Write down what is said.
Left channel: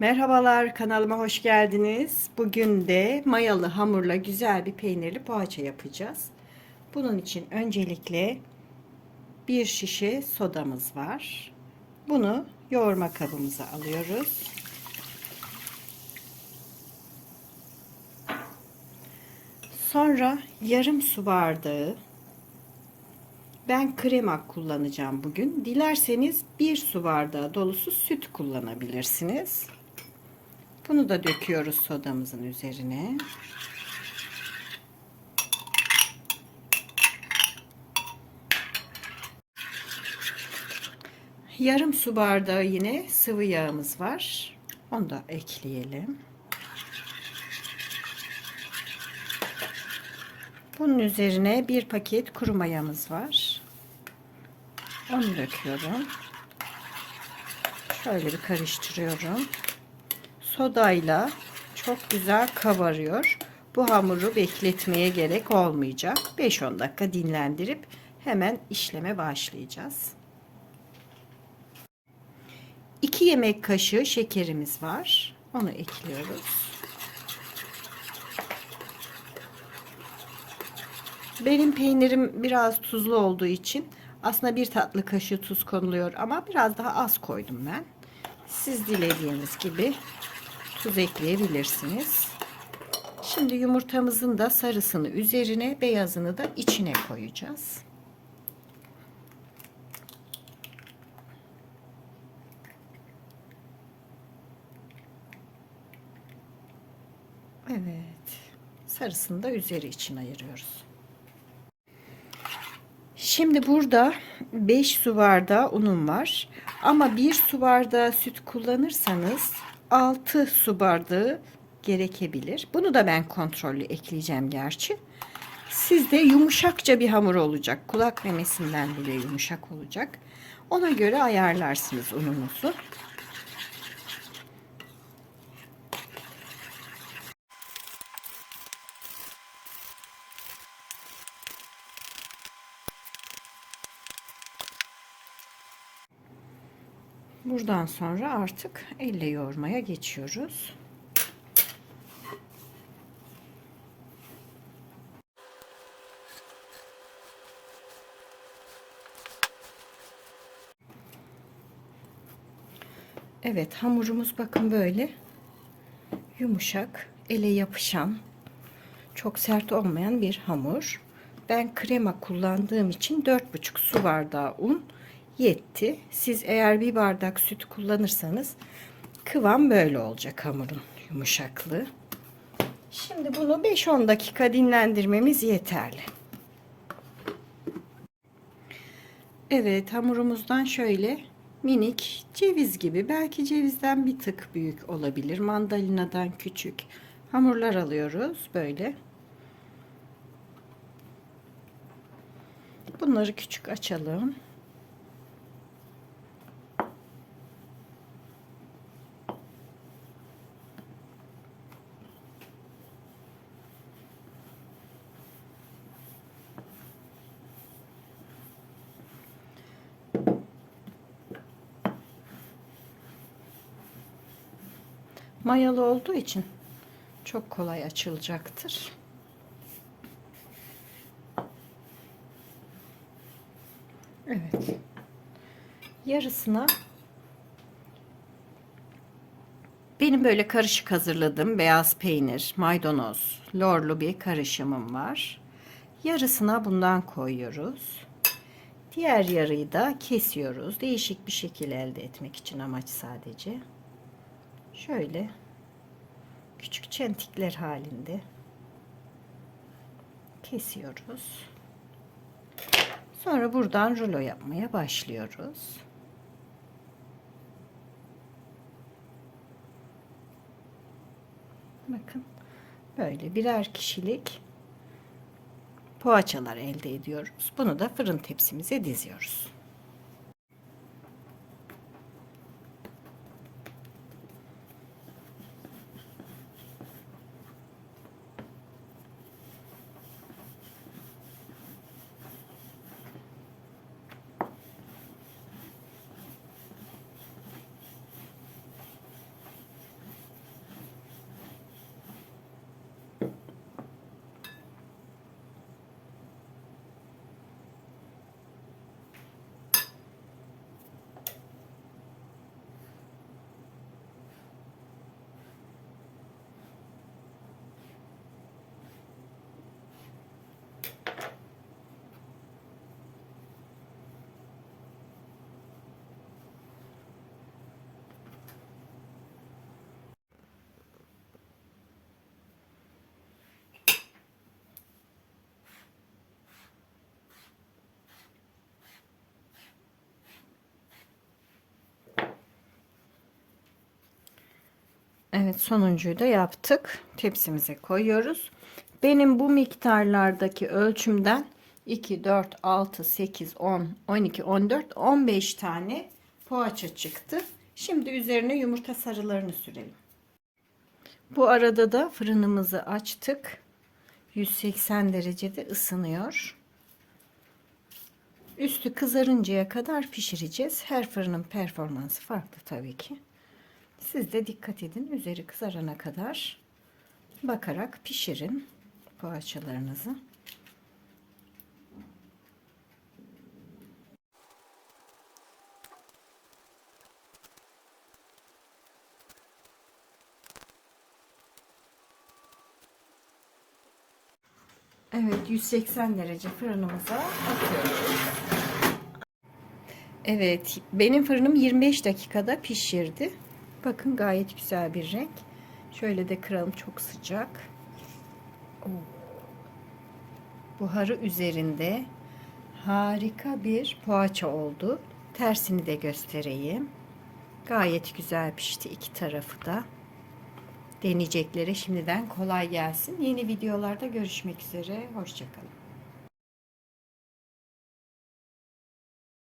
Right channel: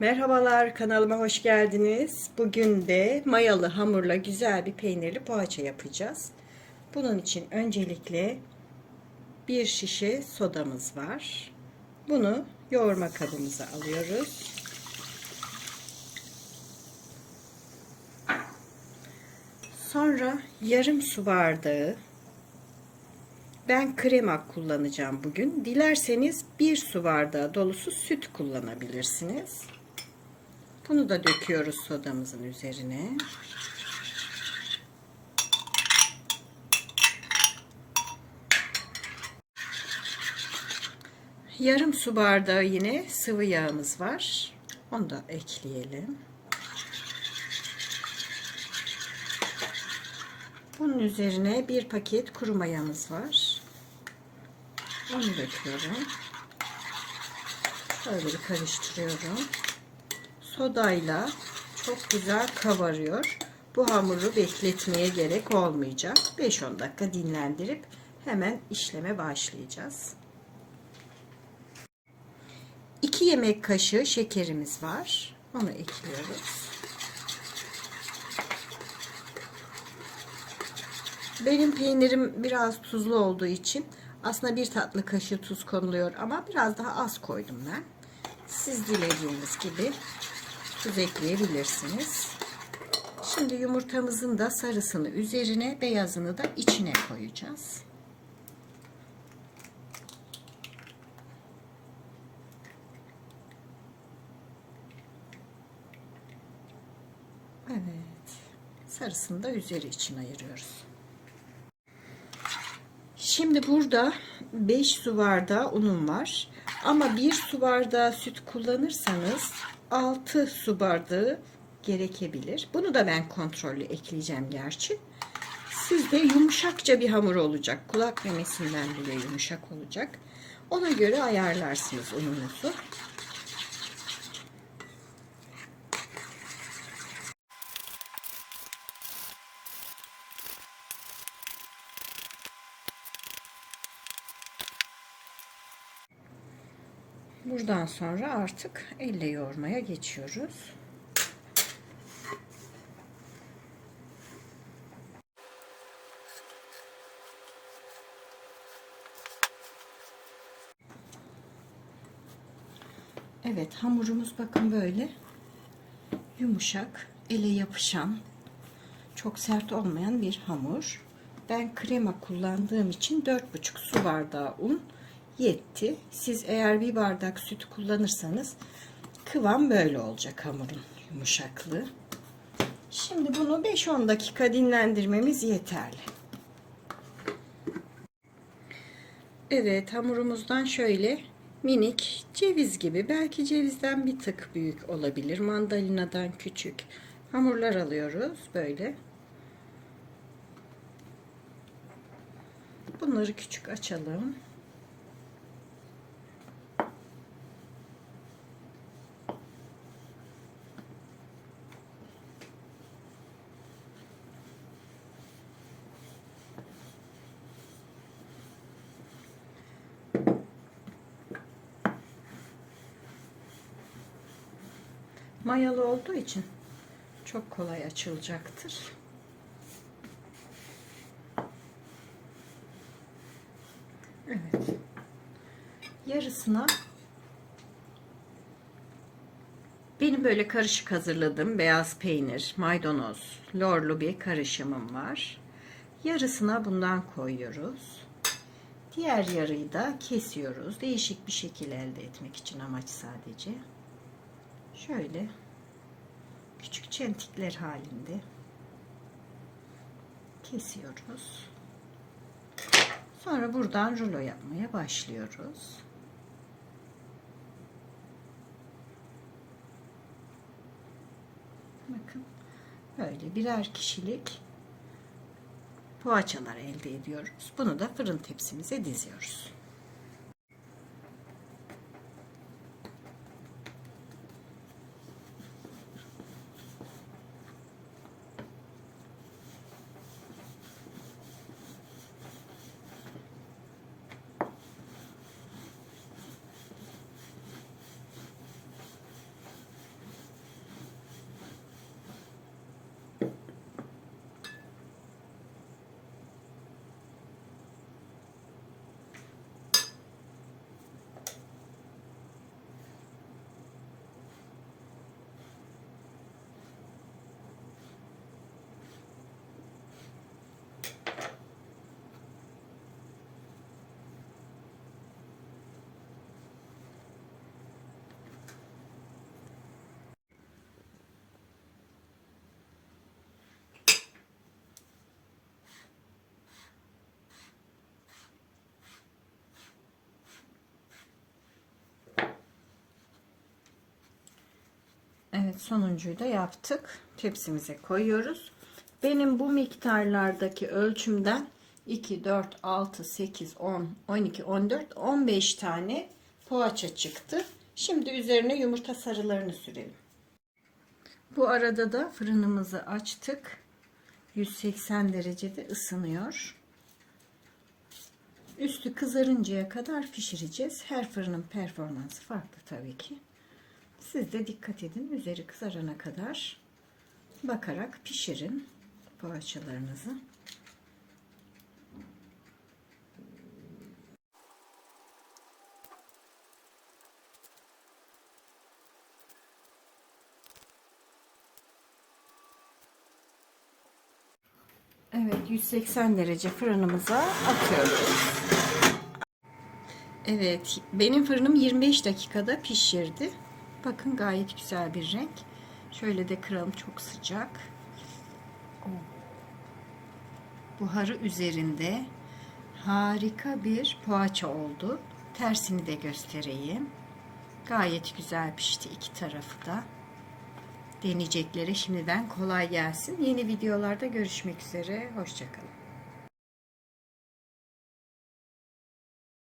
Merhabalar kanalıma hoş geldiniz. Bugün de mayalı hamurla güzel bir peynirli poğaça yapacağız. Bunun için öncelikle bir şişe sodamız var. Bunu yoğurma kabımıza alıyoruz. Sonra yarım su bardağı ben krema kullanacağım bugün. Dilerseniz bir su bardağı dolusu süt kullanabilirsiniz. Bunu da döküyoruz sodamızın üzerine. Yarım su bardağı yine sıvı yağımız var. Onu da ekleyelim. Bunun üzerine bir paket kuru mayamız var. Onu döküyorum. Şöyle bir karıştırıyorum. Sodayla çok güzel kavarıyor. Bu hamuru bekletmeye gerek olmayacak. 5-10 dakika dinlendirip hemen işleme başlayacağız. 2 yemek kaşığı şekerimiz var. Onu ekliyoruz. Benim peynirim biraz tuzlu olduğu için aslında bir tatlı kaşığı tuz konuluyor ama biraz daha az koydum ben. Siz dilediğiniz gibi tuz ekleyebilirsiniz. Şimdi yumurtamızın da sarısını üzerine, beyazını da içine koyacağız. Evet. Sarısını da üzeri için ayırıyoruz. Şimdi burada 5 su bardağı unum var. Ama 1 su bardağı süt kullanırsanız 6 su bardağı gerekebilir. Bunu da ben kontrollü ekleyeceğim gerçi. Sizde yumuşakça bir hamur olacak. Kulak memesinden bile yumuşak olacak. Ona göre ayarlarsınız ununuzu. Buradan sonra artık elle yoğurmaya geçiyoruz. Evet hamurumuz bakın böyle yumuşak, ele yapışan, çok sert olmayan bir hamur. Ben krema kullandığım için 4,5 su bardağı un yetti. Siz eğer bir bardak süt kullanırsanız kıvam böyle olacak hamurun yumuşaklığı. Şimdi bunu 5-10 dakika dinlendirmemiz yeterli. Evet hamurumuzdan şöyle minik ceviz gibi belki cevizden bir tık büyük olabilir. Mandalinadan küçük hamurlar alıyoruz böyle. Bunları küçük açalım. Mayalı olduğu için çok kolay açılacaktır. Evet. Yarısına benim böyle karışık hazırladığım beyaz peynir, maydanoz, lorlu bir karışımım var. Yarısına bundan koyuyoruz. Diğer yarıyı da kesiyoruz. Değişik bir şekil elde etmek için amaç sadece şöyle küçük çentikler halinde kesiyoruz. Sonra buradan rulo yapmaya başlıyoruz. Bakın böyle birer kişilik poğaçalar elde ediyoruz. Bunu da fırın tepsimize diziyoruz. Evet sonuncuyu da yaptık. Tepsimize koyuyoruz. Benim bu miktarlardaki ölçümden 2, 4, 6, 8, 10, 12, 14, 15 tane poğaça çıktı. Şimdi üzerine yumurta sarılarını sürelim. Bu arada da fırınımızı açtık. 180 derecede ısınıyor. Üstü kızarıncaya kadar pişireceğiz. Her fırının performansı farklı tabii ki. Siz de dikkat edin. Üzeri kızarana kadar bakarak pişirin poğaçalarınızı. Evet 180 derece fırınımıza atıyoruz. Evet benim fırınım 25 dakikada pişirdi. Bakın gayet güzel bir renk. Şöyle de kıralım çok sıcak. Buharı üzerinde harika bir poğaça oldu. Tersini de göstereyim. Gayet güzel pişti iki tarafı da. Deneyeceklere şimdiden kolay gelsin. Yeni videolarda görüşmek üzere. Hoşçakalın.